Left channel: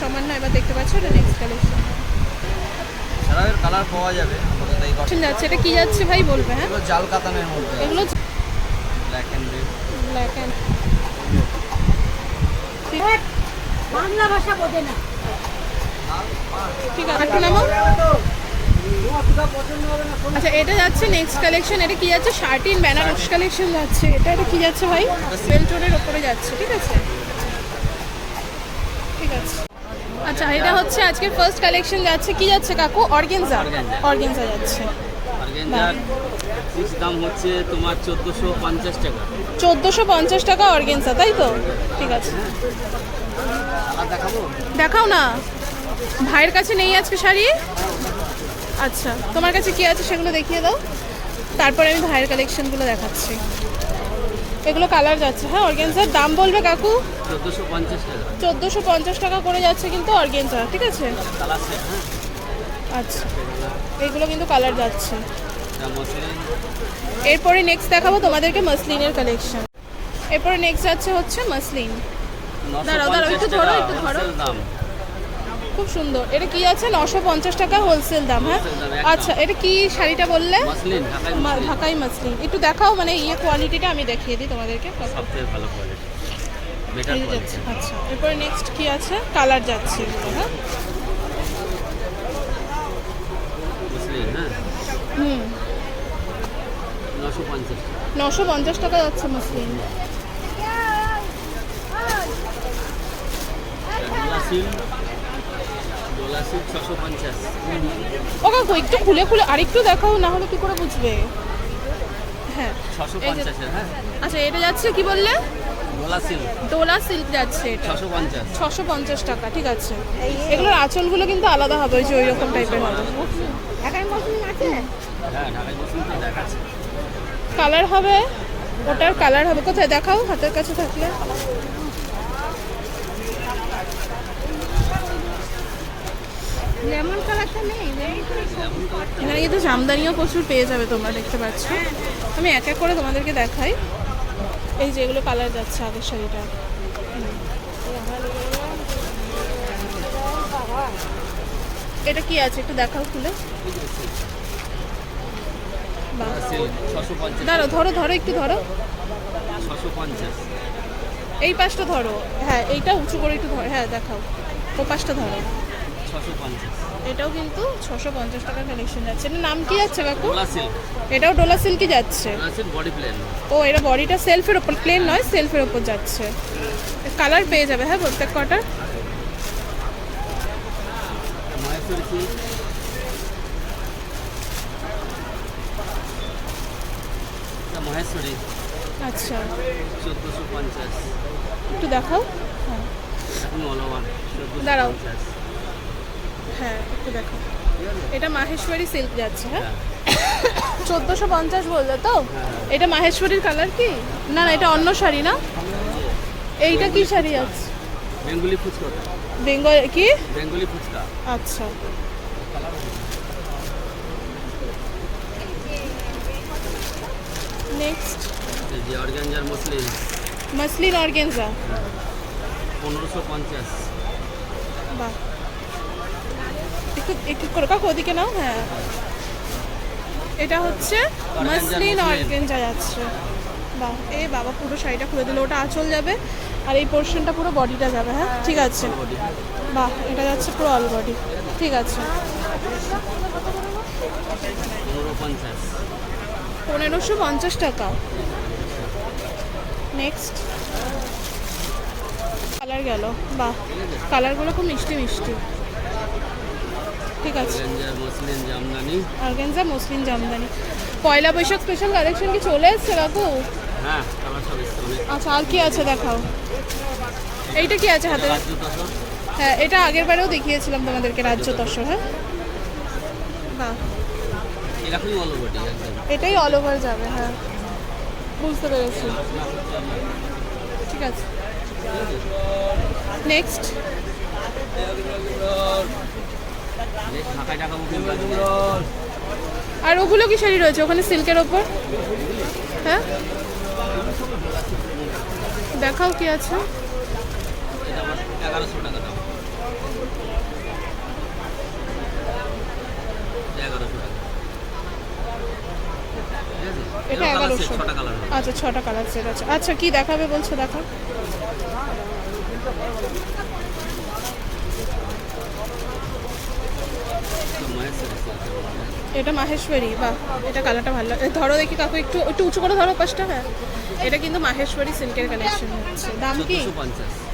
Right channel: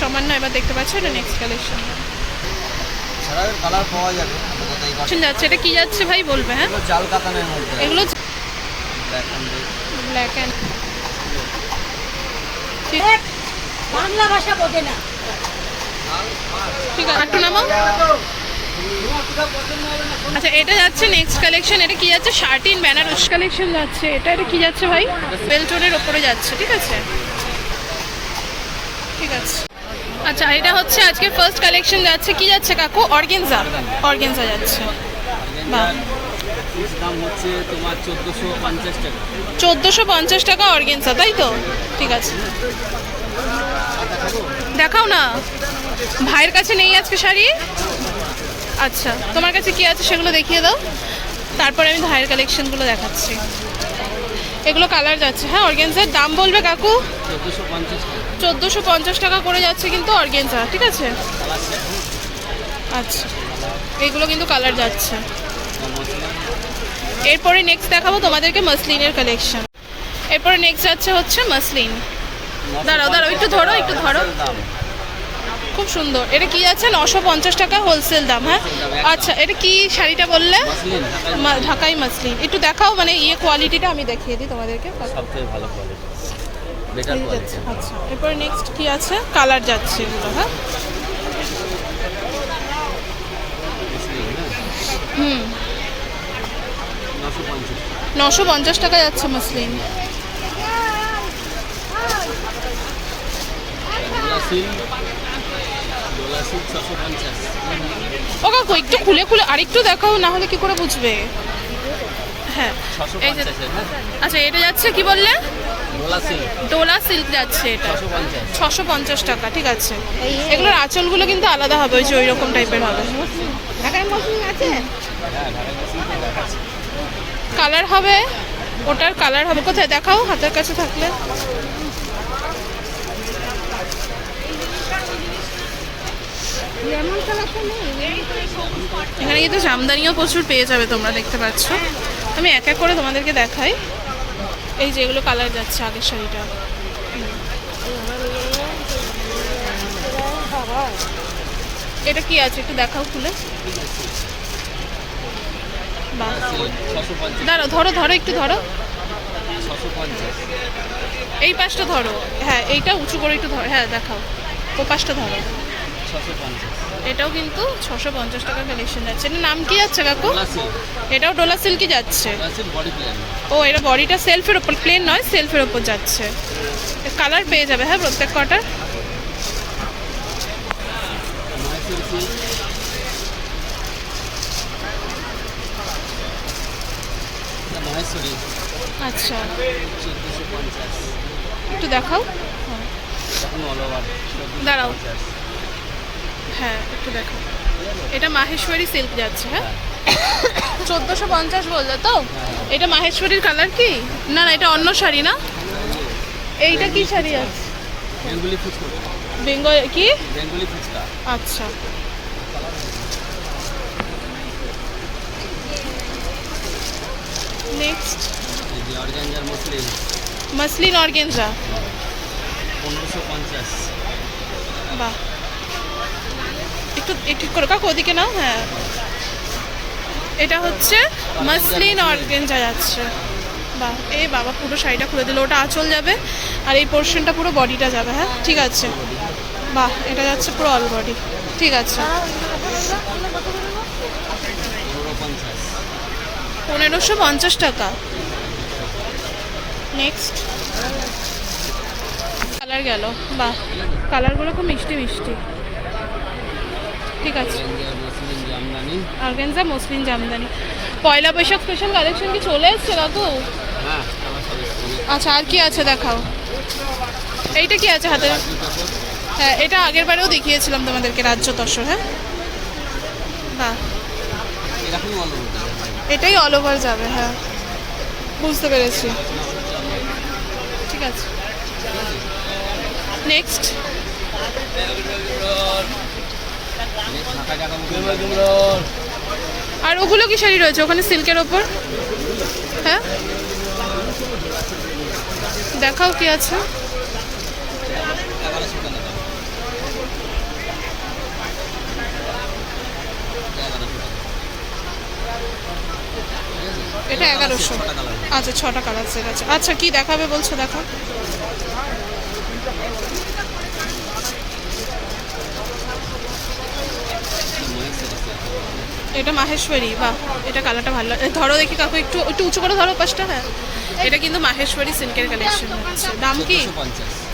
সমান না এবার দেখতে পাচ্ছ এটা নেক্সট কালেকশন কালার পাওয়া যাবে আপাতত এই কটা যাচ্ছে এটা কি যাচ্ছে ভাই বলবে হ্যাঁ? এগুলো জাল কাতানের মধ্যে। এগুলো black and red black and Bangla ভাষা বোঝে না। ঠিক আছে একটু নামাও। আচ্ছা এটা যাচ্ছে নেক্সট কালেকশন এটা কি যাচ্ছে? শার্টিন বেনারস কালেকশন যাচ্ছে। এটা এটা কি যাচ্ছে ভাই? বেলটোনের ওপরে যাচ্ছে ঠিক আছে? ঠিক আছে। আচ্ছা এটা হচ্ছে আজকে ফার্স্ট কালেকশন যাচ্ছে। কি যাচ্ছে কাকু? অর্গেনজা। অর্গেনজা যাচ্ছে। দাম হচ্ছে তোমার চোদ্দোশো পঞ্চাশ টাকা। চোদ্দোশো পঞ্চাশ টাকা অর্গেনজা তাই তো? ঠিক আছে। দেখাও না। ভাইয়ের কাছে নেই আজকে শাড়ি? আচ্ছা তোমার কাছে কি আছে সেগুলো দেখিয়ে দাও। তারপরে আমি ভাইয়ের কালেকশনগুলো দেখাচ্ছি। এগুলো কালার যাচ্ছে। হ্যাঁ অর্গেন্সার দাম বলবে কাকু? চোদ্দোশো পঞ্চাশ টাকা। চোদ্দোশো পঞ্চাশ টাকা করে যাচ্ছে কিন্তু অর্গেন্সা ঠিক আছে? আচ্ছা এগুলো কিন্তু কালার যাচ্ছে। এরপরে নেক্সট দেখাবো তোমাদেরকে মাসলিনের কালেকশন এরপরে নেক্সট যাচ্ছে হচ্ছে মাসলিন। দাঁড়াও, দাঁড়াও, একটু ধরো, একটু ধরো। খুব সুন্দর। এটা কি আছে নশো পঞ্চাশ টাকা হোলসেল দাম হ্যাঁ? আচ্ছা এটা কি শাড়িটা বললে? ঢাকাই মাসলিন। একটু দেখাও মানে ইয়ে কোয়ালিটিটা আমি দেখিয়ে দিই তোমাদেরকে। সবচেয়ে ভালো কোয়ালিটি বেটার এই যে যাচ্ছে আচ্ছা। এরপরে নেক্সট কি আছে? কালার যাচ্ছে এগুলো হ্যাঁ? হ্যাঁ? হুম। নশো পঞ্চাশ। টাকা যাচ্ছে মাসলিন ও কাকু একটু খুলে খুলে আরেকটু দেখাও না হলে কি করে বুঝবে? হ্যাঁ। হ্যাঁ? আচ্ছা এটা যাচ্ছে কি বললে? ডোলা ডোলা সিল্ক যাচ্ছে এটা। ছশো পঞ্চাশ। টাকা ঠিক আছে। এগুলোর আঁচলগুলো কিন্তু আলাদা হবে ওই যে ওই রকম টাইপের হবে। কালার হবে? ওটার কালার হবে। কোথায়? দেখাও হাতের কাছে থাকলে। এখানে কিন্তু জামদানিও প্রচুর পেয়ে যাবে তোমরা দেখতে পাচ্ছ। আমি এক এক করে তোমাদেরকে দেখাই। এই যে এগুলো কালার যাচ্ছে আগের শাড়িটা। এটা কি আছে? একটু দেখাও খুলে। দাঁড়ো ধরো ধরো, একটু ধরো। এই পাশটা ধরো। হ্যাঁ এইটা উঁচু করে একটু ধরো। হ্যাঁ দেখাও। ও পাশটা ধরো। ছশো পঞ্চাশ এটাও কিন্তু ছশো পঞ্চাশ টাকার কালেকশন যাচ্ছে। এটার নাম কি যাচ্ছে কাকু? এটাও ডোলা সিল্কি যাচ্ছে ও এটা বডিটা সেলফের ওপর প্লেন নয় সেলফের ওপর যাচ্ছে। কালার পেয়ে যাবে হ্যাঁ প্রত্যেক কটার এটা আচ্ছা। একটু দেখাও। দাঁড়াও। হ্যাঁ একটু দেখাও এটা মাহেশ্বরী সিল্ক যাচ্ছে হ্যাঁ? চোদ্দোশো পঞ্চাশ বললে তো? এটা মাহেশ্বরীর কালার কি? না না এটা অন্য শাড়ি না? এইটা কি শাড়ি আছে? বেঙ্গলি ফুচকা। বেঙ্গল কি? বেঙ্গলি ফুচকা। আচ্ছা। নেক্সট এই অর্গানজার মসলিন। Muslin organza. পনেরোশো পঞ্চাশ। বাহ। একটু একটু করে কাকু, ওদিকে নাও হ্যাঁ। এটা হচ্ছে মাসলিন অর্গেনজা যাচ্ছে। বাহ এই বাবা, পুরো শাড়িটা খুলে দিল, ওটা আঁচল যাবে, আর এই পোর্শনটা পুরো বডিটা যাবে হ্যাঁ ঠিক আছে। বাহ, এটা যাচ্ছে পুরো অল বডি ঠিক আছে। পনেরোশো পঞ্চাশ টাকা। নেক্সট কালার গেল, বাহ কালারগুলো খুব মিষ্টি মিষ্টি। ঠিক আছে। Organza muslin Jamdani. Poila Boishakh special collection কি চলে এসছে কাকু হ্যাঁ অনেক। আচ্ছা আর কি আছে দেখাও? এইটা কি আছে হাতে? হ্যাঁ এটা আগের বারেও দেখিয়েছিলাম তোমাদেরকে রাজ্য তসর হ্যাঁ? বাহ। ওভার এটাই অল ওভার যাবে হ্যাঁ। বুঝতে পেরেছি। ঠিক আছে। নেক্সট আর ওগুলো কি শাড়ি রয়েছে? ওখানে সিল্কের ওপর? হ্যাঁ? দেখাও কি আছে? এটা এগারোশো। আচ্ছা ছটা কালার আছে আচ্ছা কি দেখাবে বলছো? দেখো এটা মাহেশ্বরী বাহ এটা কালারটা ভালো লাগে। ধরো দেখি কাকু একটু একটু উঁচু করে ধরো পাঁচটা হ্যাঁ। এটা কিন্তু মাহেশ্বরী সিল্কের কালেকশন হচ্ছে। দাম কি?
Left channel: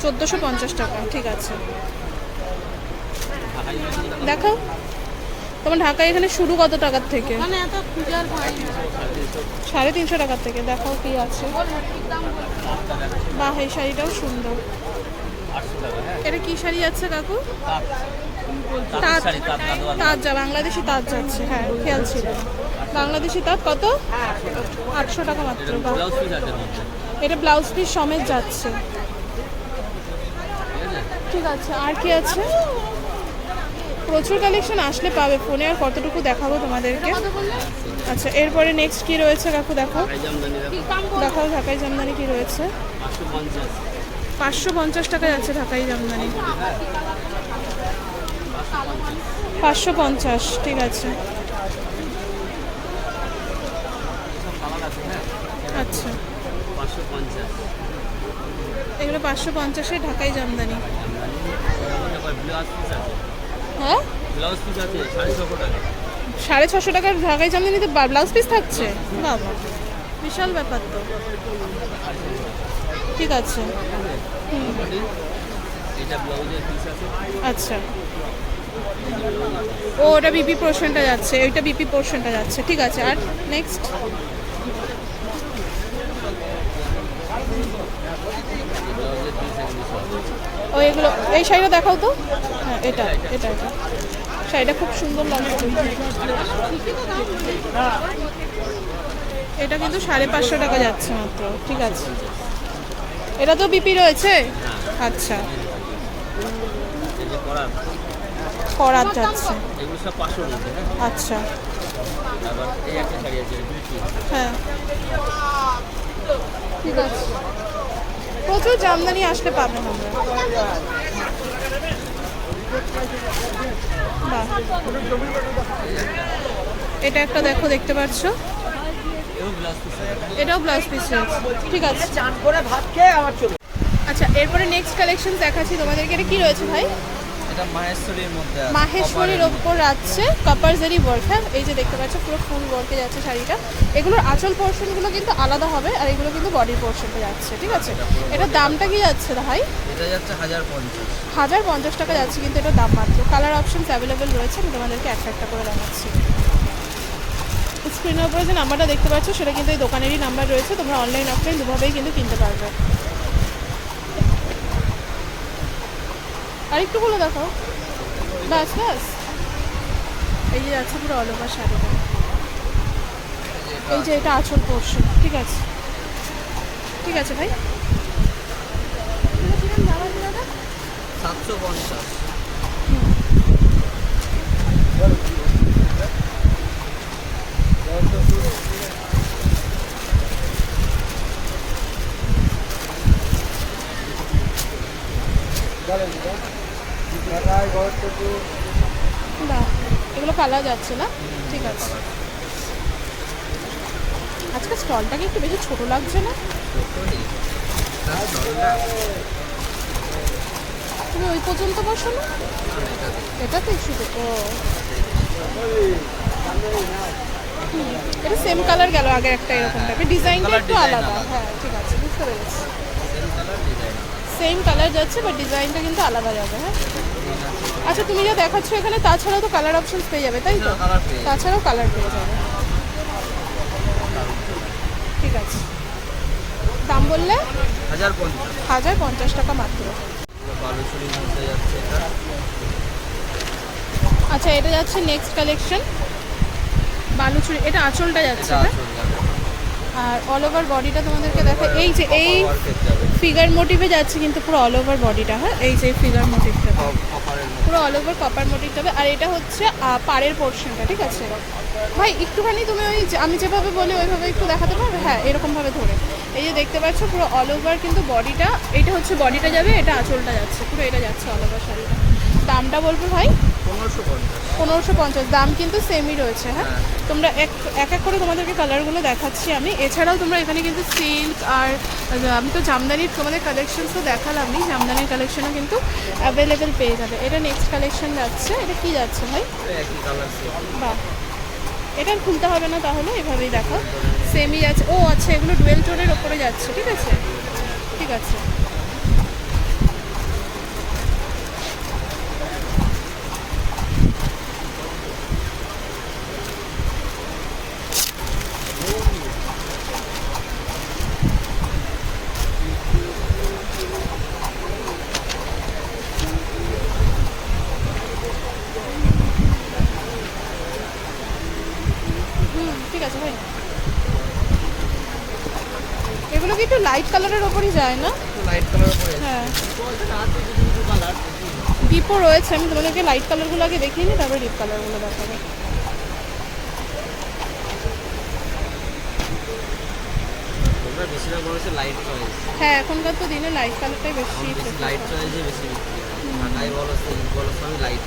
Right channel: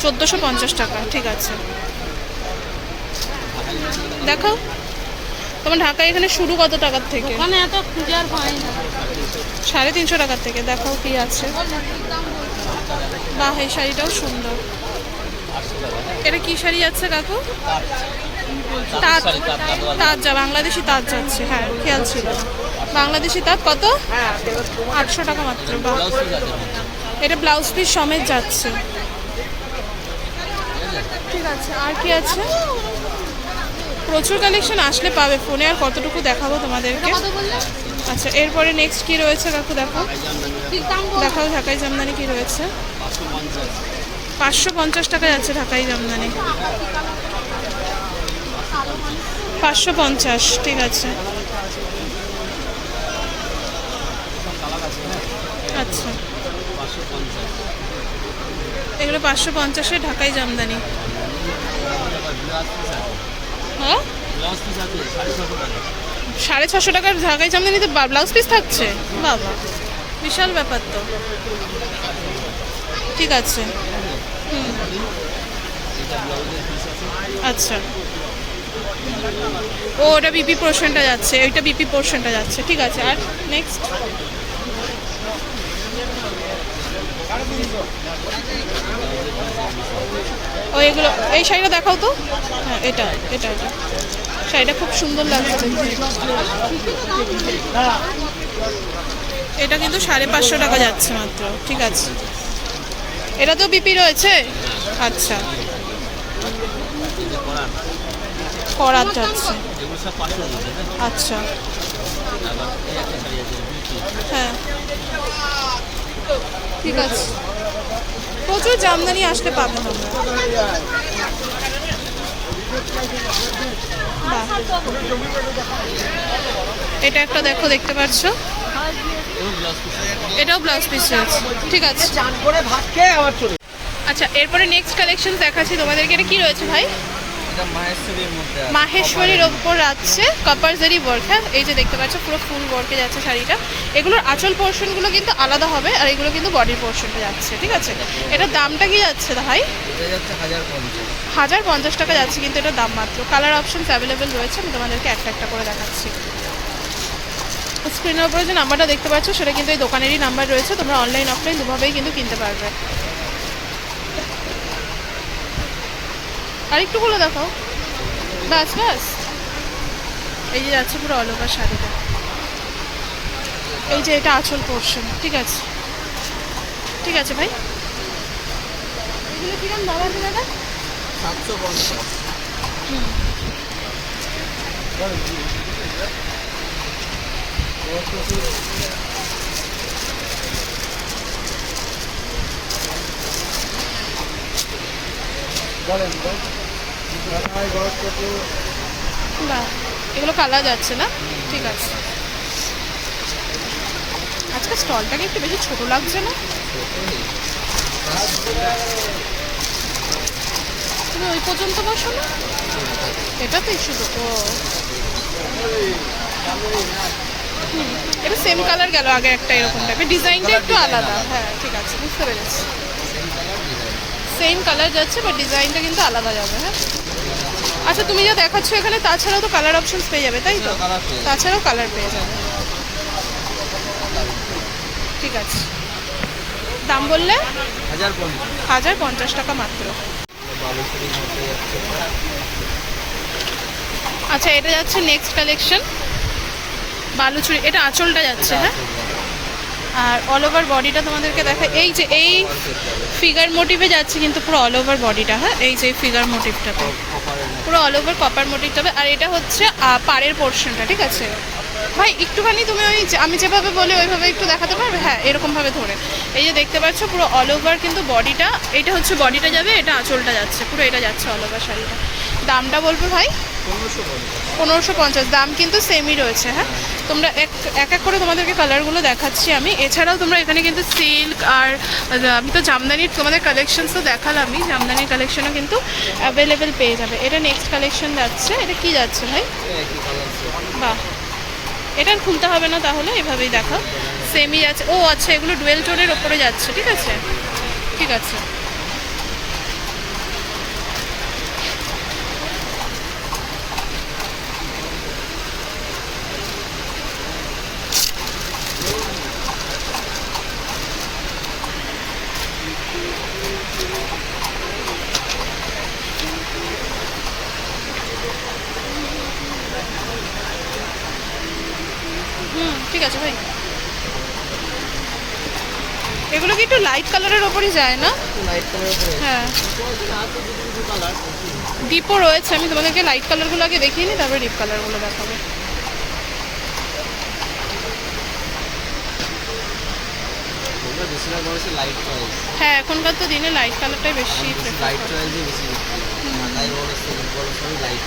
চোদ্দোশো পঞ্চাশ টাকা ঠিক আছে। দেখো তোমার ঢাকায় এখানে শুরু কত টাকার থেকে? সাড়ে তিনশো টাকার থেকে দেখাও কি আছে। বাহ এই শাড়িটাও সুন্দর। এটা কি শাড়ি আছে কাকু? যা বাংলাদেশি তাঁত যাচ্ছে হ্যাঁ খেয়াল ছিল। বাংলাদেশি তাঁত কত? আটশো টাকা মাত্র মধ্যে। এটা ব্লাউজ পিস সমেত যাচ্ছে। ঠিক আছে আর কি আছে? প্রচুর কালেকশন আসলে পাবে ফোনে আর কতটুকু দেখাবো তোমাদেরকে? আচ্ছা এরপরে নেক্সট কি রয়েছে? কাকু দেখো। দেখাও ঢাকাই জামদানি কি রয়েছে? পাঁচশো পঞ্চাশ। টাকা যাচ্ছে ঢাকাই জামদানি। পাঁচশো পঞ্চাশ, ঠিক আছে। আচ্ছা। এগুলো পাঁচশো পঞ্চাশে ঢাকাই জামদানি। সাড়ে ছশো টাকার ঢাকাই জামদানিতে ব্লাউজ পিস থাকছে? বাবা, বিশাল ব্যাপার তো। ঠিক আছে। হুম। আচ্ছা। ও ওটা বিপি পোর্শনটা যাচ্ছে ওইটা বিপি পোর্শনটা যাচ্ছে ঠিক আছে আর নেক্সট ও এগুলো এই শাড়িটা দেখাও তো। হ্যাঁ এটা এটা এটা। শাড়িটা খুব সুন্দর লাগছে দেখতে। এটা কিন্তু সাড়ে পাঁচশো টাকা যাচ্ছে মাত্র ঠিক আছে। এটা তো বিপি রয়েছে? আচ্ছা এই যে করার করাত যাচ্ছে। আচ্ছা। হ্যাঁ। ঠিক আছে। প্রচুর জামদানি আসতে পাবেন আমরা। এটা একটা দেখো, দেখতে পাচ্ছ? এটাও ব্লাউজ পিস রয়েছে। ঠিক আছে। করে আচ্ছা এরপরে নেক্সট কালেকশন দেখাচ্ছি তোমাদেরকে। এটা কি রয়েছে ভাই? এটা মাহেশ্বরীর মধ্যে আছে মাহেশ্বরীর ওপর আছে কপারজারি ওয়ার্ক হ্যাঁ এই যে দেখতে পাচ্ছ পুরো ফুল ওয়ার্কে যাচ্ছে শাড়িটা। এগুলোর আঁচল পোর্শনগুলো কিন্তু আলাদা হবে আর এগুলো কিন্তু বডির পোর্শনটা যাচ্ছে ঠিক আছে? এটার দামটা কি যাচ্ছে ভাই? এটা যাচ্ছে হাজার পঞ্চাশ। হাজার পঞ্চাশ টাকা যাচ্ছে কিন্তু এটার দাম মাত্র। কালার অপশনস অ্যাভেলেবেল রয়েছে আমি তোমাদেরকে একটা একটা করে দেখাচ্ছি। স্ক্রিনের উপরে যে নাম্বারটা দেখতে পাচ্ছ সেটা কিন্তু এই দোকানেরই নাম্বার রয়েছে তোমরা অনলাইন অফলাইন দুভাবেই কিন্তু কিনতে পারবে। আর একটু বলে দেখাও। বাস বাস এই যে যাচ্ছে পুরো অল ওভার শাড়িটা। এই যে এটা আঁচল পোর্শন ঠিক আছে। ঠিক আছে ভাই। এগুলো কিরম বাহ এগুলো কালা যাচ্ছে না? ঠিক আছে। আজকে স্টলটাকে একটু বেশি ছোট লাগছে না? তুমি ওই পর্যন্ত বসো না। এটাতেই শুধু ও এটা সেম কালার গেল আগে একটা এরকম টাইপের ডিজাইনটা একটু আলাদা। হ্যাঁ ঠিক আছে বুঝতে পেরেছি। সেম কালার যাচ্ছে বাট ডিজাইনটা কিন্তু আলাদা যাবে হ্যাঁ? আচ্ছা তুমি যা দেখাচ্ছ এখানে তাছাড়াও তো কালার অপশনস পেয়ে যাবে তাই তো। তাছাড়াও কালার পেয়ে যাবে। ঠিক আছে। দাম বললে? হাজার পঞ্চাশ। টাকা মাত্র। আচ্ছা এটা যাচ্ছে নেক্সট কালেকশন বালুচুরি এটা আঁচলটা যাচ্ছে হ্যাঁ? আর অল ওভার বডিটা তোমাদেরকে দেখা এই যে এই ফিগার মোটিভে যাচ্ছে কিন্তু পুরো অল ওভার বডিটা হ্যাঁ? এই যে ফিগার কপারের পুরো অল ওভার কপার মোটিভ হবে। আর এটা হচ্ছে পাড়ের পোর্শনটা ঠিক আছে? ভাই একটুখানি তুমি ওই আমি যেভাবে বলি ওইভাবে একটু দেখাতে পারবে? হ্যাঁ এরকমভাবে ধরে। এই যে দেখতে পাচ্ছ পুরো অল ওভার কিন্তু বডিটা এটা হচ্ছে বডিটা যাবে এটা আঁচলটা যাচ্ছে। পুরো এটা যাচ্ছে অল ওভার শাড়িটা। দামটা বলব ভাই? পনেরোশো পনেরোশো পঞ্চাশ। দাম কিন্তু সেমই রয়েছে হ্যাঁ? তোমরা এক এক করে তোমাদেরকে কালারগুলো দেখাচ্ছি আমি। এছাড়াও তোমরা এখানে কিন্তু সিল্ক আর আমি তো জামদানির তোমাদের কালেকশন তো দেখালামই, জামদানির কালেকশনও কিন্তু অ্যাভেলেবেল পেয়ে যাবে। এটা নেক্সট কালেকশন যাচ্ছে। এটা কি যাচ্ছে ভাই? বাহ। এটা খুলতে হবে না তাহলে, এভাবেই দেখো সেমই যাচ্ছে ও আচ্ছা এগুলো ডুয়েল টোনের ওপরে যাচ্ছে। ঠিক আছে? ঠিক আছে। ঠিক আছে ভাই। এগুলো কি একটু লাইট কালারের ওপরই যায় না? লাইট কালার উপরে হ্যাঁ। ডিপও রয়েছে আমি তোমাদেরকে লাইট কালারগুলো আগে দেখিয়ে নিই তারপরে ডিপ কালারগুলো দেখাবো। হ্যাঁ এখনকার তো দিনে লাইট কালারটাই বেশি লাইট। বেশি লাইট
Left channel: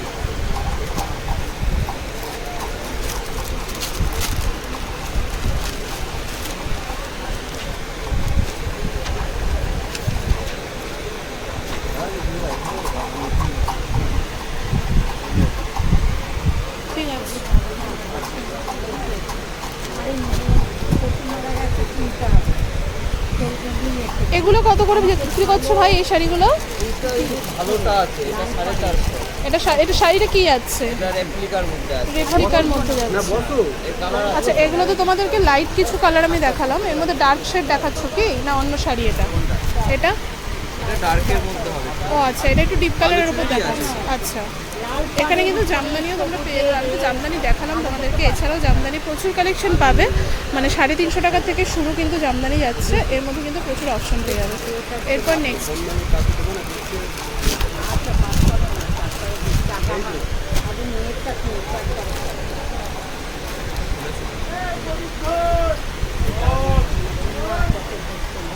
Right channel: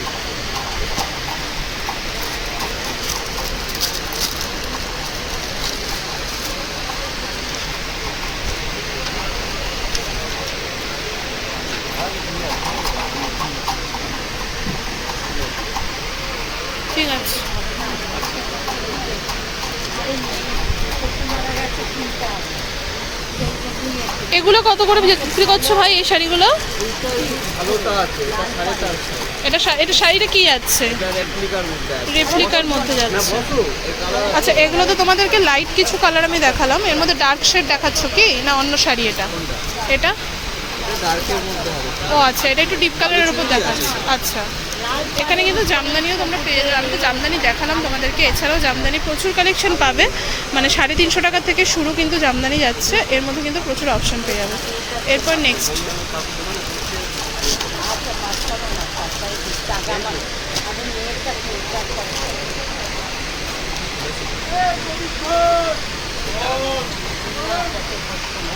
ঠিক আছে এগুলো কত করে বিক্রি করছ ভাই এই শাড়িগুলো? এটা এটা শাড়িটা কি যাচ্ছে? রেপ্লিকার মধ্যে যাচ্ছে। আচ্ছা এগুলো তো তোমাদেরকে লাইট কিছু কালার আমি দেখালাম। এর মধ্যে ডার্ক শেড দেখাচ্ছ কি? না অন্য শাড়ি এটা? এটা? ও আচ্ছা এটা একটু ডিপ কালারের উপর দেখাচ্ছে। আচ্ছা। এখানে কিন্তু জামদানিও তোমরা পেয়ে যাবে। আমি তো জামদানি দেখালাম তোমাদেরকে। এছাড়াও জামদানি প্রচুর কালেকশন পাবে। মানে সাড়ে তিনশো টাকা থেকে শুরু কিন্তু জামদানি যাচ্ছে। এর মধ্যে কিন্তু প্রচুর অপশন পেয়ে যাবে। এরপর নেক্সট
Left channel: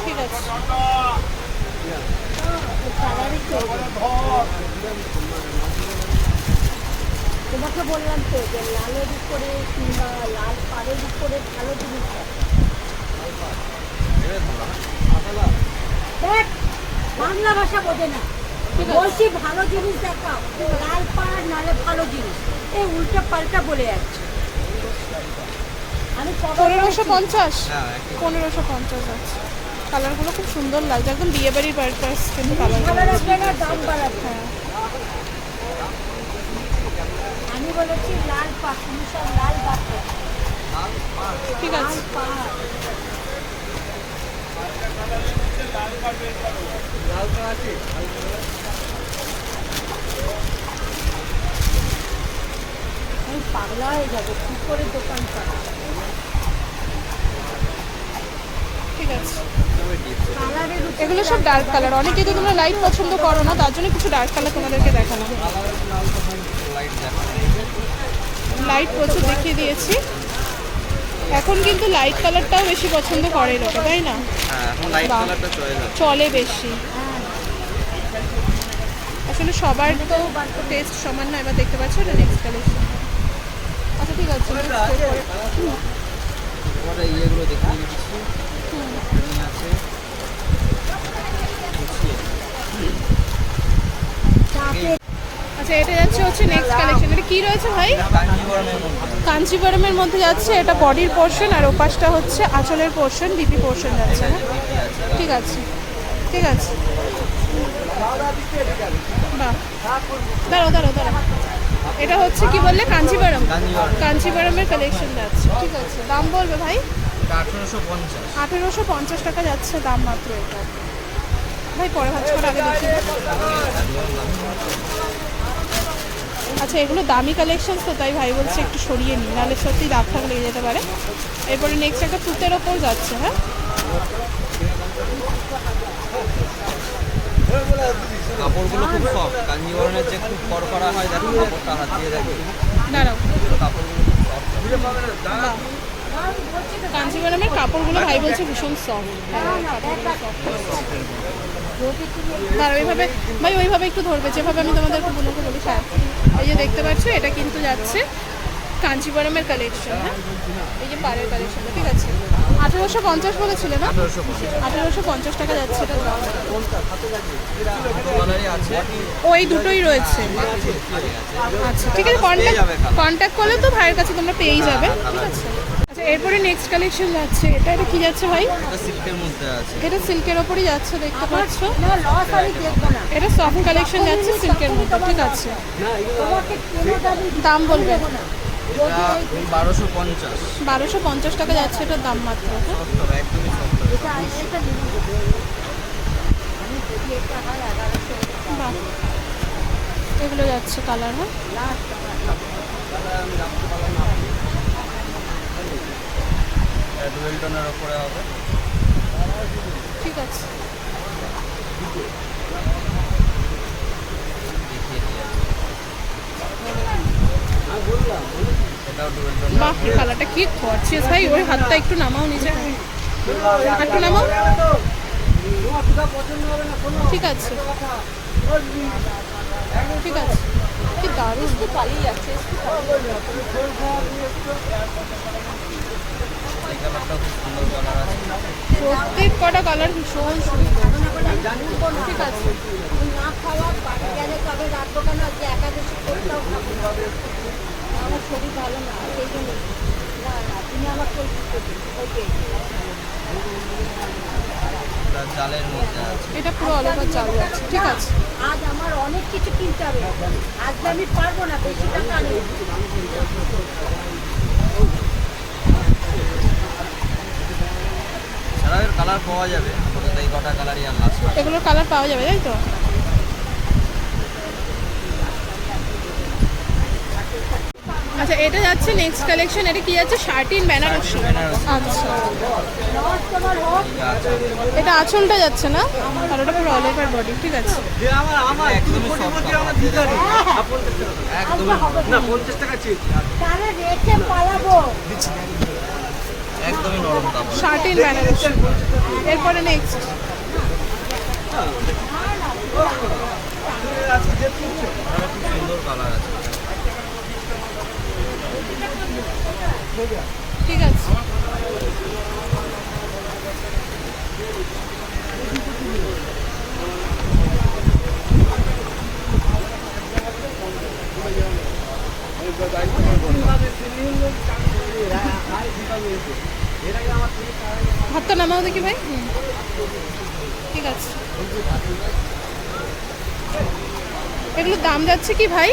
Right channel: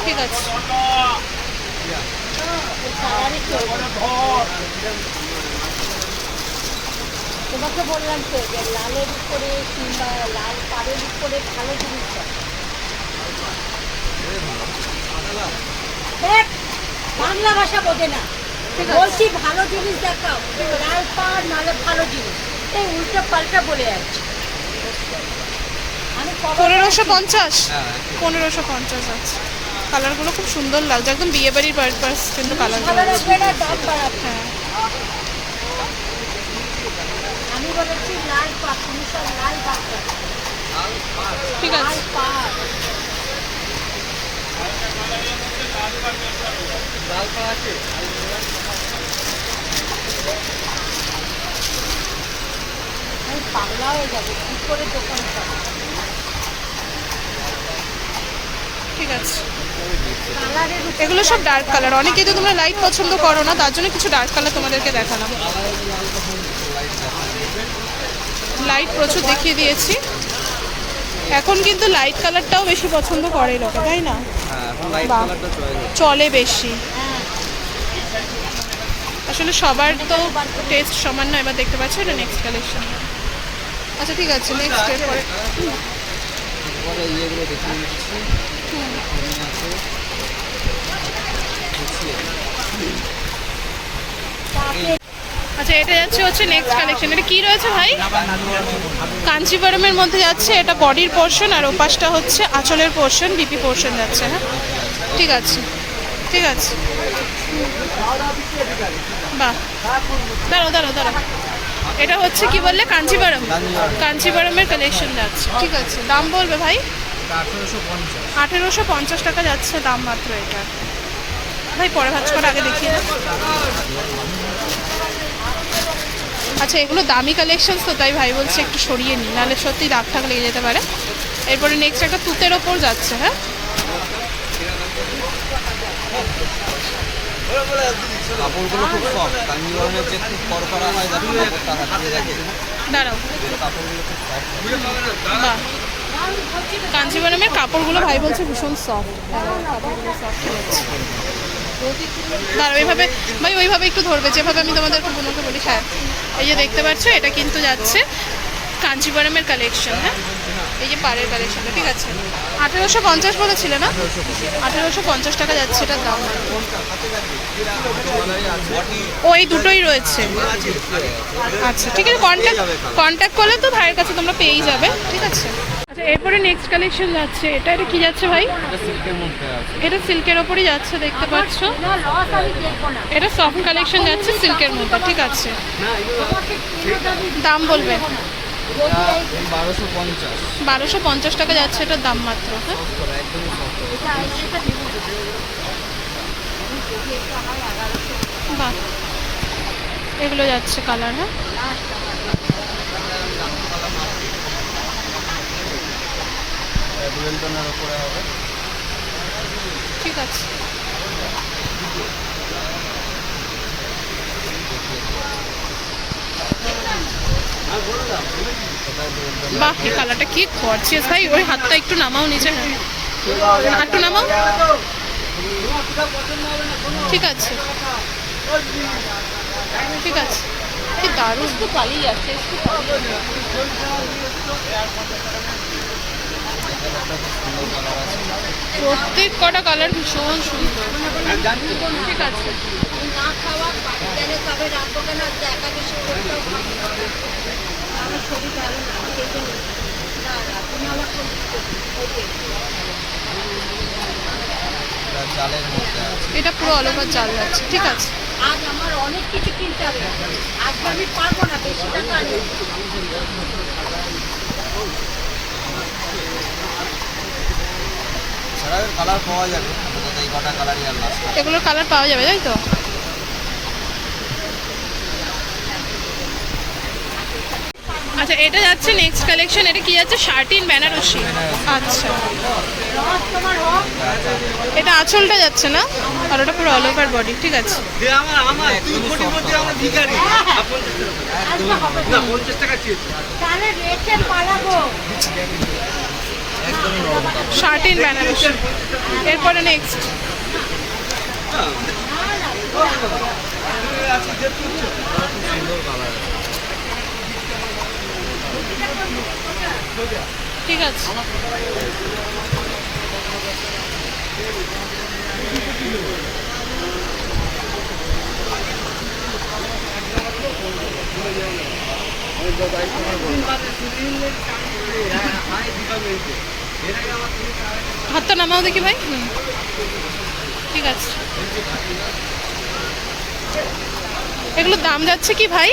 ঠিক আছে। তোমাকে বললাম তো যে লালের উপরে কিংবা লাল কারের উপরে ভালো জিনিস দেখ বাংলা ভাষা বোঝে না। বলছি ভালো জিনিস দেখাও লাল পাড় নালে ভালো জিনিস। এই উল্টা পাল্টা বলে যাচ্ছে। পনেরোশো পঞ্চাশ? হ্যাঁ পনেরোশো পঞ্চাশ আছে। কালারগুলো খুব সুন্দর লাগছে একদম বিয়ে বাড়ির পারপাস কিন্তু কালারগুলো হ্যাঁ আমি বলেছি লাল পাড় তুমি সব লাল পাড় ঠিক আছে। হয়ে যাব ঠিক আছে। এগুলো সব ডার্ক কালার অনেকেই তো তোমরা লাইট পছন্দ করো না, তার জন্য কিছু ডার্ক কালার তোমাদেরকে দেখালাম। লাইট প্রচুর দেখিয়ে দিয়েছি। এখন কিন্তু লাইট কালারটাও বেশি পছন্দ করে লোকে তাই না? হ্যাঁ চলে বেশি। আসলে সবার তো টেস্ট সমান নয় এবার দেখতে পাচ্ছ এটা নেক্সট কালেকশন আচ্ছা ঠিক আছে নেক্সট এরপরে পরে ইয়েগুলো দেখিয়ে দিচ্ছি Green আছে গুছিয়ে। আচ্ছা এটা যাচ্ছে হচ্ছে নেক্সট কালেকশন এটা কি রয়েছে ভাই? কাঞ্চিপুরমের মধ্যে যাচ্ছে এটা বডির পোর্শন আর ওপাশটা হচ্ছে আঁচলের পোর্শন বিপি পোর্শন যাচ্ছে হ্যাঁ? ঠিক আছে ঠিক আছে। বাহ। দাঁড়াও দাঁড়াও দাঁড়াও। এটা হচ্ছে কি বললে? কাঞ্চিপুরম। কাঞ্চিপুরমের কালেকশন যাচ্ছে। ঠিক আছে দাম বলবে ভাই? আঠেরোশো পঞ্চাশ টাকা যাচ্ছে দাম মাত্র এটা ভাই পরে ভাজ করে আগে দেখিয়ে আচ্ছা এগুলো দামি কালেকশন তো তাই ভাই বলছে একটু সরিয়ে নিই নাহলে সত্যি দাগ থাক লেগে যেতে পারে। এরপরে নেক্সট একটা তুতের ওপর যাচ্ছে হ্যাঁ? কাপড়গুলো খুব সফট কাঞ্জিবরণের যে খুব কড়কড়া হয় দেখো কাপড়টা হাত দিয়ে দেখে। দাঁড়াও। কাপড়গুলো খুব বাহ। কাঞ্জিবরমের কাপড়গুলো ভাই বলছে ভীষণ সফট কাপড়গুলো সফট আর ওইভাবে ভাই, ওইভাবে একটু ধরবে, যেভাবে আমি তোমাদের বোনকে বলি হ্যাঁ। এই যে দেখতে পাচ্ছ, এটা কিন্তু যাচ্ছে কাঞ্জিবরমের কালেকশন হ্যাঁ? এই যে পাড়ের কালেকশনটা ঠিক আছে? আঠেরোশো পঞ্চাশ বলেছিলে না? আঠেরোশো পঞ্চাশ টাকা যাচ্ছে এটার দাম ও, এই দুটোই রয়েছে। আচ্ছা ঠিক আছে কন্ট্যাক্ট কন্ট্যাক্ট করলে তো ভাইয়ের কাছে তোমরা পেয়েই যাবে, ঠিক আছে? এরপরে নেক্সট কালেকশন যাচ্ছে। এটা এটা কি যাচ্ছে ভাই? এটা সিল্কের মধ্যে আছে। এটা সিল্কের ওপরই যাচ্ছে দেখতে পাচ্ছ। এটা সফট কালেকশন যাচ্ছে সিল্কের মধ্যে ঠিক আছে। দামি বলবে বারোশো পঞ্চাশ বারোশো পঞ্চাশ টাকা যাচ্ছে এটার দাম মাত্র হ্যাঁ? বাহ। এগুলো যাচ্ছে কালার হ্যাঁ? ডুয়েল ওপরে হবে। ঠিক আছে। বাহ, এই কালারটা কি করছিস ভাই, ওই হাতটা একটু নামাও নিচে। একটু নামাও। ঠিক আছে। ঠিক আছে। কি দারুণ। চালিয়ে যাচ্ছে কালারটা খুব সুন্দর কালার আছে। প্রত্যেক কটা কালার ভীষণ সুন্দর। ঠিক আছে। না খাওয়া তবে রাখব কেন আজকে একাদশী করতে হবে। আমার শরীর ভালো না সেই জন্য। না না তুমি আমার এটা মধ্যে এটা পুরো অল ওভার চাল যাচ্ছে ঠিক আছে। আজ আমার অনেক কিছু কিনতে হবে। আজকে আমি পারব না বেশি টাকা নেই কালার পাওয়া যাবে। আপাতত এই কটা কালারই আর লাস্ট এগুলোর কালার পাওয়া যাবে তাই তো? আচ্ছা এটা যাচ্ছে নেক্সট কালেকশন এটা কি যাচ্ছে? শার্টিন বেনারসি। আচ্ছা। এটা আঁচলটা যাচ্ছে না? আর ওটা পুরো অল ওভার বডি ঠিক আছে। একদমই শার্টিন বেনারসি। এরপরে নেক্সট কালার আছে ঠিক আছে। হাতটা নামাও দেখি ভাই। হুম। ঠিক আছে। এগুলোর দাম যাচ্ছে কি ভাই?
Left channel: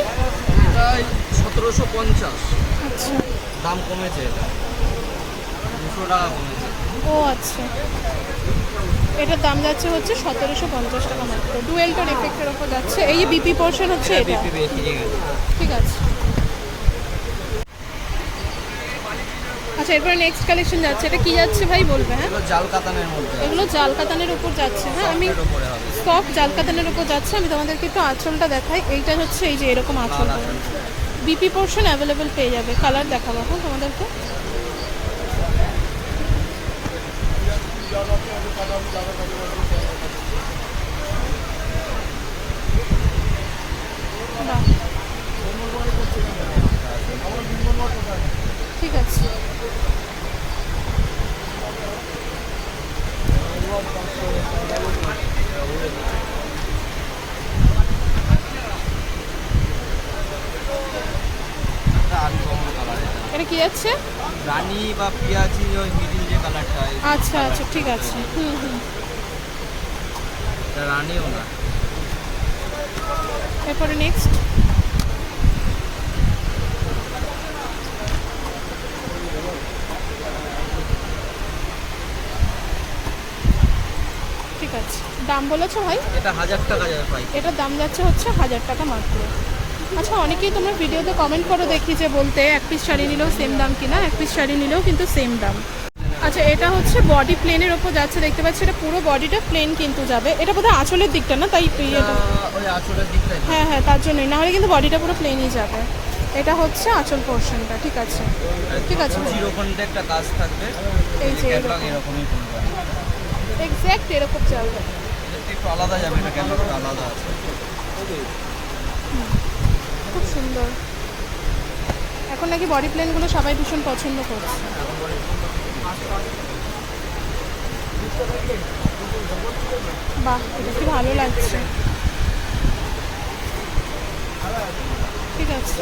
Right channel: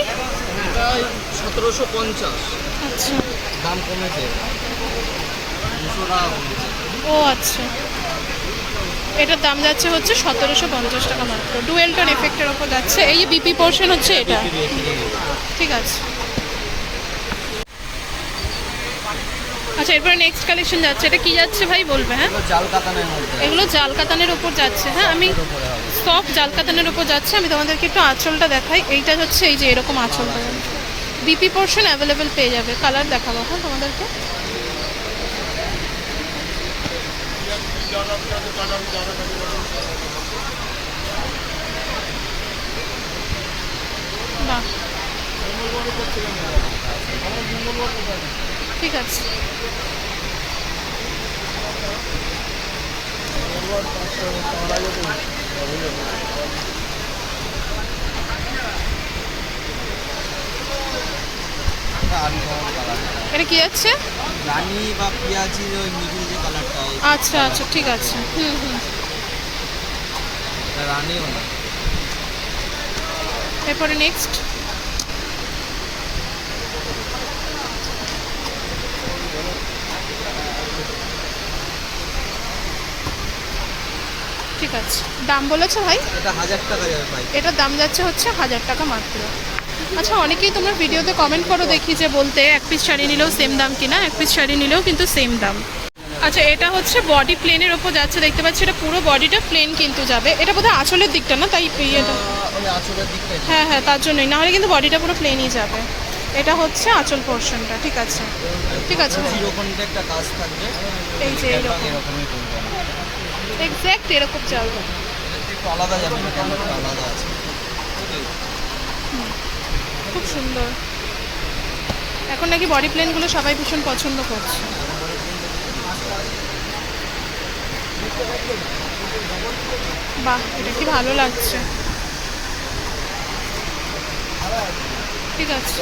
সতেরোশো পঞ্চাশ। আচ্ছা। দাম কমেছে। দুশো টাকা কমেছে। ও আচ্ছা। এটার দাম যাচ্ছে হচ্ছে সতেরোশো পঞ্চাশ টাকা মাত্র। ডুয়েল টোন এফেক্টের ওপর যাচ্ছে। এই বিপি পোর্শন হচ্ছে এটা। ঠিক আছে। আচ্ছা এরপরে নেক্সট কালেকশন যাচ্ছে। এটা কি যাচ্ছে ভাই বলবে হ্যাঁ? এগুলো জাল কাতানের মধ্যে। এগুলো জাল কাতানের ওপর যাচ্ছে হ্যাঁ? আমি উপরে সফট জাল কাতানের ওপর যাচ্ছে। আমি তোমাদেরকে একটু আঁচলটা দেখাই। এইটা হচ্ছে এই যে এরকম আঁচল। বিপি পোর্শন অ্যাভেলেবেল পেয়ে যাবে। কালার দেখাবো হ্যাঁ তোমাদেরকে? বাহ। ঠিক আছে। এটা কি যাচ্ছে রানি বা পিঁয়াজি ওই মিডিল যে কালারটা আচ্ছা আচ্ছা ঠিক আছে। হুম হুম। রানিও না। এরপরে নেক্সট ঠিক আছে। দাম বলেছ ভাই? এটা হাজার টাকা যাবে পাই এটার দাম যাচ্ছে হচ্ছে হাজার টাকা মাত্র। আচ্ছা অনেকেই তোমরা ভিডিওতে কমেন্ট করো দেখি যে বলতে এক পিস শাড়ি নিলেও সেম দাম কিনা এক পিস শাড়ি নিলেও কিন্তু সেম দাম। আচ্ছা এটা হচ্ছে বডি প্লেনের ওপর যাচ্ছে দেখতে পাচ্ছি এটা পুরো বডিটা প্লেন কিন্তু যাবে। এটা বোধহয় আঁচলের দিকটা না তাই ইয়েটা হ্যাঁ হ্যাঁ তার জন্যই। নাহলে কিন্তু বডিটা পুরো প্লেনই যাবে। এটা হচ্ছে আঁচল পোর্শনটা ঠিক আছে। ঠিক আছে ভাই। একটা কাজ থাকবে। এই যে এরকম। এক্স্যাক্ট এরকম চলবে। একটু আলাদা যাবে না ক্যাটলগটা আলাদা আছে। খুব সুন্দর। এখন নাকি বডি প্লেনগুলো সবাই ভীষণ পছন্দ করছে। বাহ এটা কি ভালো লাগছে। ঠিক আছে।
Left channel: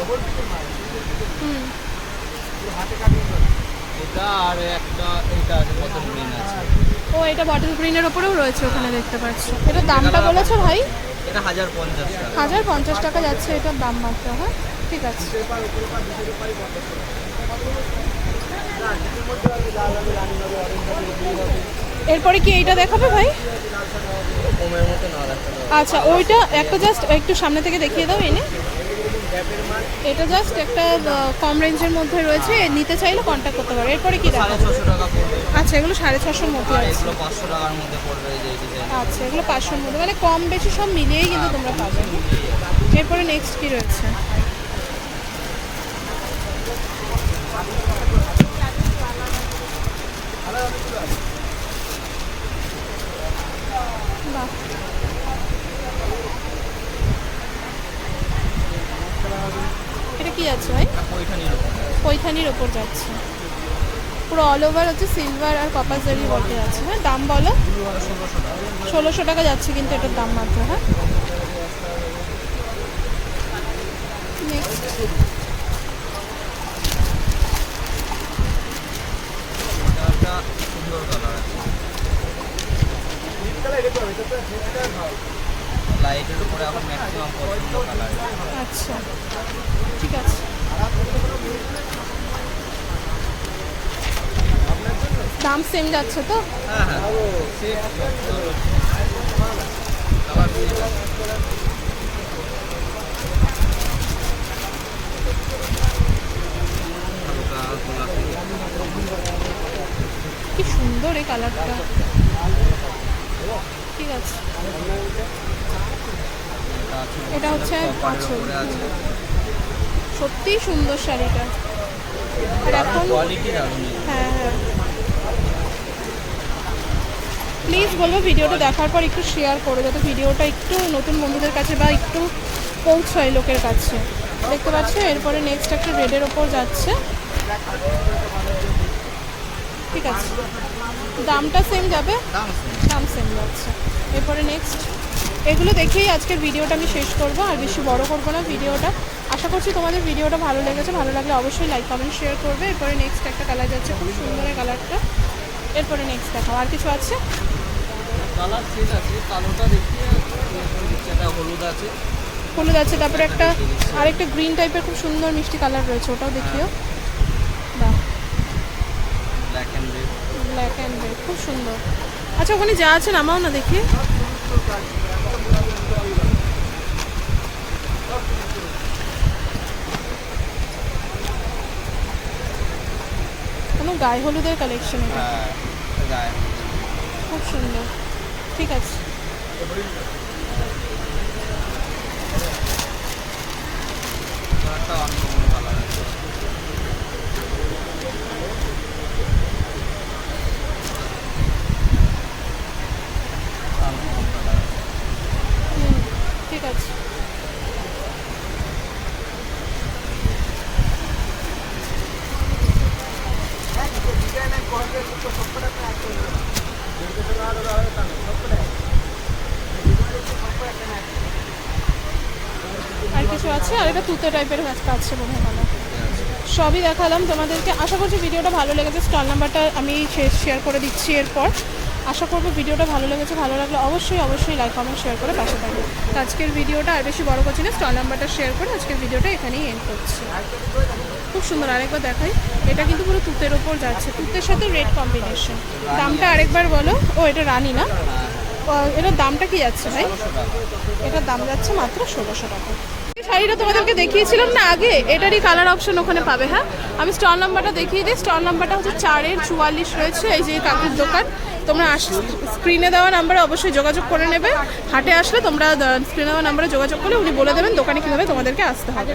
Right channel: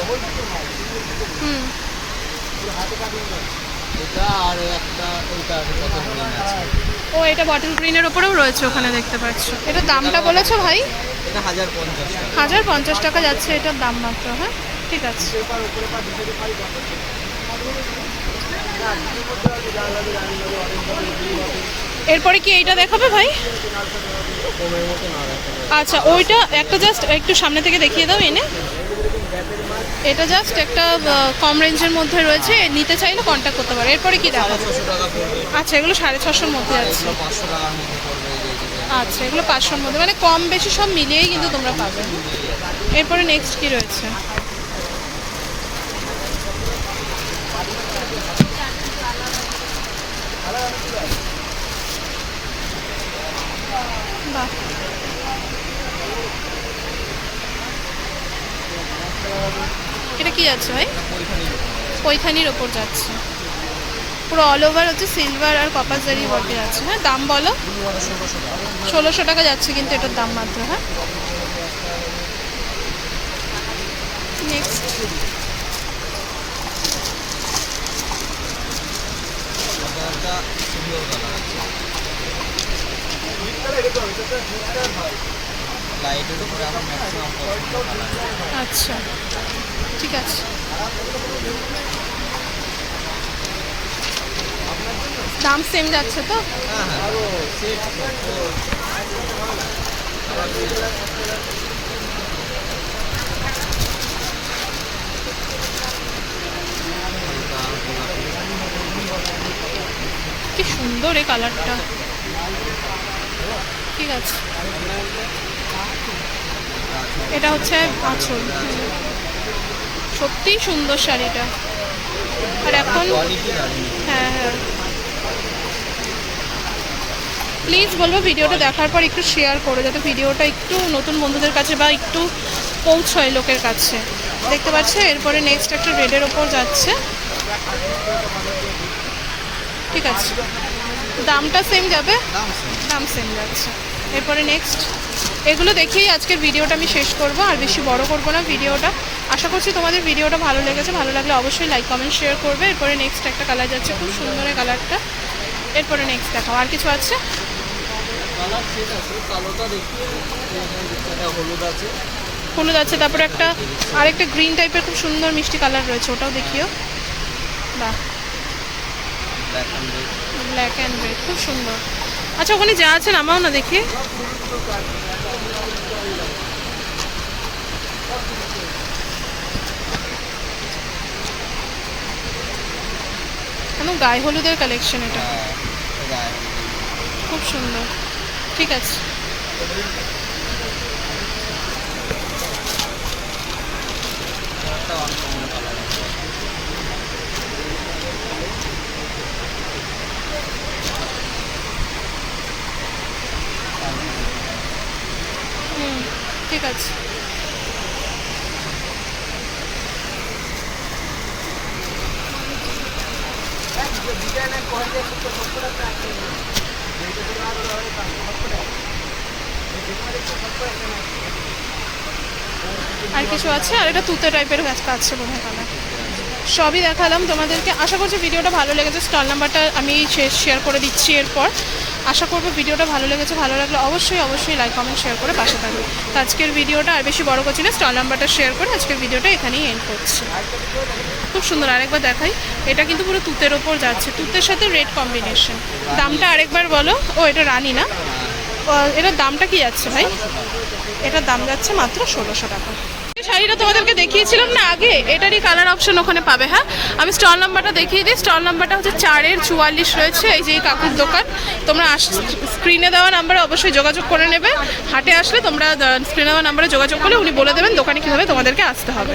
হুম। এটা আর একটা আছে কত গ্রিন আছে। ও এটা বটল গ্রিনের ওপরেও রয়েছে ওখানে দেখতে পাচ্ছ। এটার দামটা বলেছ ভাই? এটা হাজার পঞ্চাশ টাকা। হাজার পঞ্চাশ টাকা যাচ্ছে এটার দাম মাত্র হ্যাঁ? ঠিক আছে। এরপরে কি এইটা দেখাবে ভাই? আচ্ছা ওইটা একটা জাস্ট একটু সামনে থেকে দেখিয়ে দাও এনে। এটা জাস্ট একটা কম রেঞ্জের মধ্যে রয়েছে নিতে চাইলে কন্ট্যাক্ট করতে পারো। এরপরে কি দেখা আচ্ছা এগুলো সাড়ে ছশোর মধ্যে আছে। এগুলো পাঁচশো টাকার মধ্যে পড়বে এই যে এই যে আচ্ছা এগুলো পাঁচশোর মধ্যে। মানে কম বেশি সব মিলিয়েই কিন্তু তোমরা পাবে। এরপরে নেক্সট কি রয়েছে বাহ এটা কি যাচ্ছে ভাই। পৈথানির ওপর যাচ্ছে। পুরো অল ওভার হচ্ছে সিলভার আর কপার জারি বটে আছে। হ্যাঁ দাম বলো? ষোলোশো টাকা যাচ্ছে কিন্তু এটার দাম মাত্র হ্যাঁ? নেক্সট লাইটের উপরে এখন ম্যাক্সিমাম আচ্ছা। ঠিক আছে। দাম সেম যাচ্ছে তো? কি সুন্দর এই কালারটা। ঠিক আছে। এটা হচ্ছে আছে সত্যিই সুন্দর শাড়িটা। আর এখন হ্যাঁ হ্যাঁ। প্লিজ বলব ভিডিওটা দেখার পর একটু শেয়ার করো যাতে ভিডিওটা একটু নতুন বন্ধুদের কাছে বা একটু পৌঁছয় লোকের কাছে। দেখতে পাচ্ছ এরপরে নেক্সট একটা রেডের ওপর যাচ্ছে। ঠিক আছে। দামটা সেম যাবে? দাম সেম দাম সেম যাচ্ছে। এরপরে নেক্সট এগুলো দেখেই আজকের ভিডিওটা আমি শেষ করব আর বেশি বড় করব না ভিডিওটা। আশা করছি তোমাদের ভিডিওটা ভালো লেগেছে। ভালো লাগলে অবশ্যই লাইক কমেন্ট শেয়ার করবে। এরপরে নেক্সট একটা কালার যাচ্ছে খুব সুন্দর এই কালারটা এরপরে নেক্সট দেখাও। আর কিছু আছে? হলুদ আছে। তারপরে একটা আরেকটা গ্রিন টাইপের খুব সুন্দর মিষ্টি কালার রয়েছে ওটাও দেখিও। বাহ। ব্ল্যাক অ্যান্ড রেড খুব সুন্দর। আচ্ছা ওখানে যা আছে নামাও না দেখি। গায়ে হলুদের কালেকশন এটা। হ্যাঁ খুব সুন্দর। ঠিক আছে। ঠিক আছে। আর কিছু আছে? আর এটা তুতে টাইপের গাছটা আছে মনে হয় সবই দেখালাম তোমাদেরকে। আশা করছি ভিডিওটা ভালো লেগেছে। স্টল নাম্বারটা আমি শেয়ার করে দিচ্ছি এরপর। আশা করব ভিডিওটা ভালো লেগেছে, ভালো লাগলে অবশ্যই অবশ্যই লাইক কমেন্ট শেয়ার করে পাশে থাকবে। আজকের ভিডিওটা আর বেশি বড় করছি না। স্টল নাম্বারটা শেয়ার করে আজকের ভিডিওটা এখানেই এন্ড করছি। খুব সুন্দর, আরেকবার দেখাই। এটা কিন্তু পুরো তুতের ওপর যাচ্ছে। তুতের সাথে রেড কম্বিনেশন দামটা আরেকবার বলো। ও, এটা রানি না? এটার দামটা কি যাচ্ছে ভাই? এটার দাম যাচ্ছে মাত্র ষোলোশো টাকা। শাড়িটা তোমাদেরকে দেখিয়েছিলাম না আগে? এটারই কালার অপশন ওখানে পাবে হ্যাঁ? আমি স্টল নাম্বারটা দেখিয়ে দিই। স্টল নাম্বারটা হচ্ছে চারের চুয়াল্লিশ রয়েছে। এই যে কাকুর দোকান। তোমরা স্ক্রিনে দেওয়া নাম্বারে অবশ্যই যোগাযোগ করে নেবে। হাটে আসলে তোমরা স্ক্রিনে দেওয়া নাম্বারে যোগাযোগ করলে উনি বলে দেবেন দোকানে কীভাবে তোমাদেরকে আসতে হবে।